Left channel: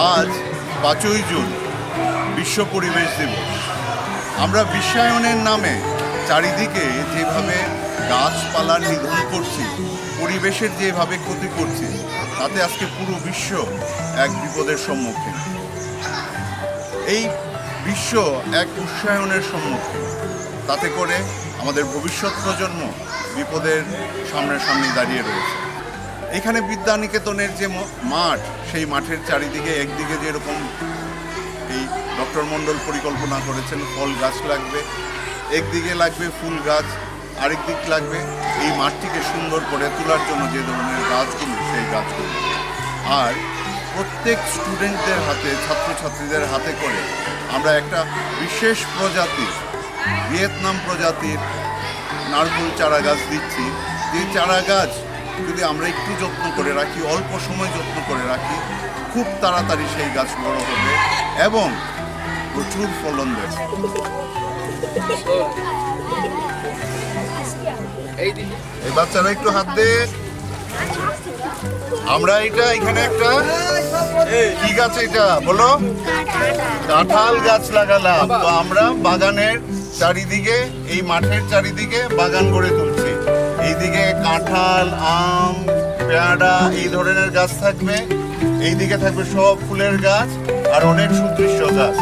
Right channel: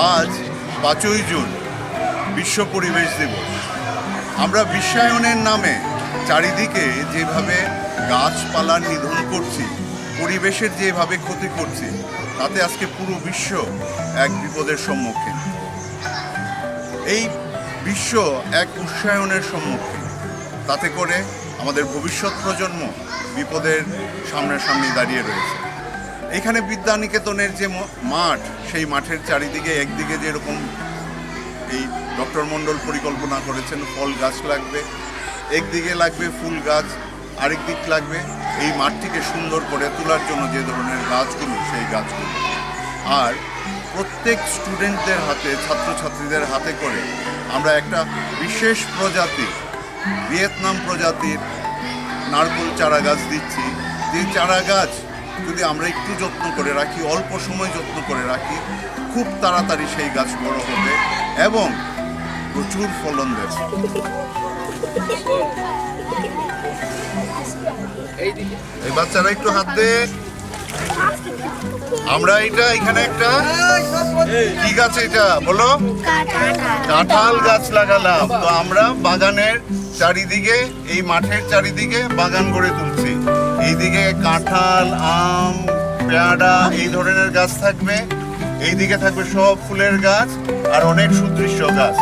আজ পাঁচই জুন, বিশ্ব পরিবেশ দিবস। আমরা বিশ্বায়নের নামে চারিদিকে যেভাবে গাছপালার নিধন করছি, পরিবেশের যেভাবে ক্ষতি করছি, তাতে আজকে পুরো বিশ্ব এক বিপদের সম্মুখীন। এই বিশ্ব এক উৎসায়নের সম্মুখীন। তাতে করে আমাদের ভবিষ্যৎ প্রজন্ম বিপদের সামনাসামনি দাঁড়িয়ে রয়েছে। এখানে বিদ্যানিকেতনের যে মাঠ, সেই মাঠের চারিদিকে একদিকে যেরকম এই ডক্টর মণ্ডল পরিকল্পনা করেছেন, ফল গাছ লাগবে, একদিকে লাগবে ফুল গাছ, আরেক দিক লাগবে এই মাঠটিকে সুন্দর করে তোলার জন্য যে ধরনের গাছগুলো, সেই গাছগুলো। আর প্রত্যেক স্টুডেন্টদের হাতে, ছাত্রছাত্রীদের হাতে করে আমরা একটা বিশেষ প্রজাতির ভিয়েতনাম প্রজাতির নারকোল চারা গাছ দিচ্ছি। যে চারা গাছ যদি আমরা একটু যত্ন করে রাখি, অল্প সময় যত্ন করে রাখি, খুব তাড়াতাড়ি সেই গাছ বড় হবে এবং প্রচুর ফলন দেবে। এই বাচ্চারা একটু হাত দে। আমরা এটা এখানে একটা কি গাছ এটা? বলো। কাঁঠাল গাছ লাগালাম। তো আমরা বাগানের চারিদিকে, এই মাঠের চারিদিকে বাগান গড়ে তুলছি। এইদিকে কাঁঠাল আম পেয়ারা এই ধরনের গাছ থাকবে। এইদিকে থাকবে সব ফুলের গাছ আর অনেক সুদৃশ্য গাছ।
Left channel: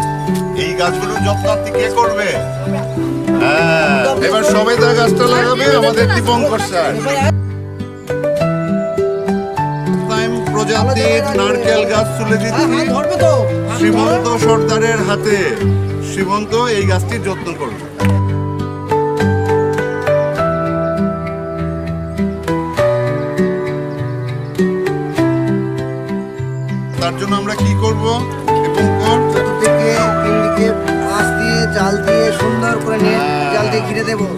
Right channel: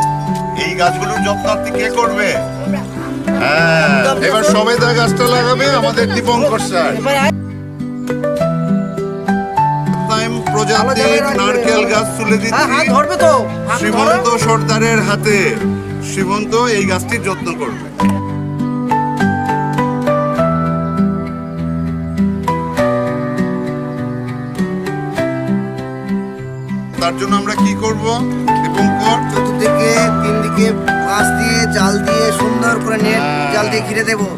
এই গাছগুলোর যত্নার্থী কে করবে? হ্যাঁ এবার সবেদা গাছটা লাগাবে আমাদের দীপঙ্কর স্যার। প্রজাতির নারকেল গাছ তুলে দিচ্ছি শ্রীমন্ত সর্দারের হাতে। শ্রীমন্ত এই গাছটির যত্ন করবে। তার জন্য আমরা কি করব এবং কর চতুর্দিকে তিন দিকে বাঁশ দিয়ে জাল দিয়ে সুন্দর করে নেট হ্যাঁ। জাল দিয়ে ঘিরে দেবো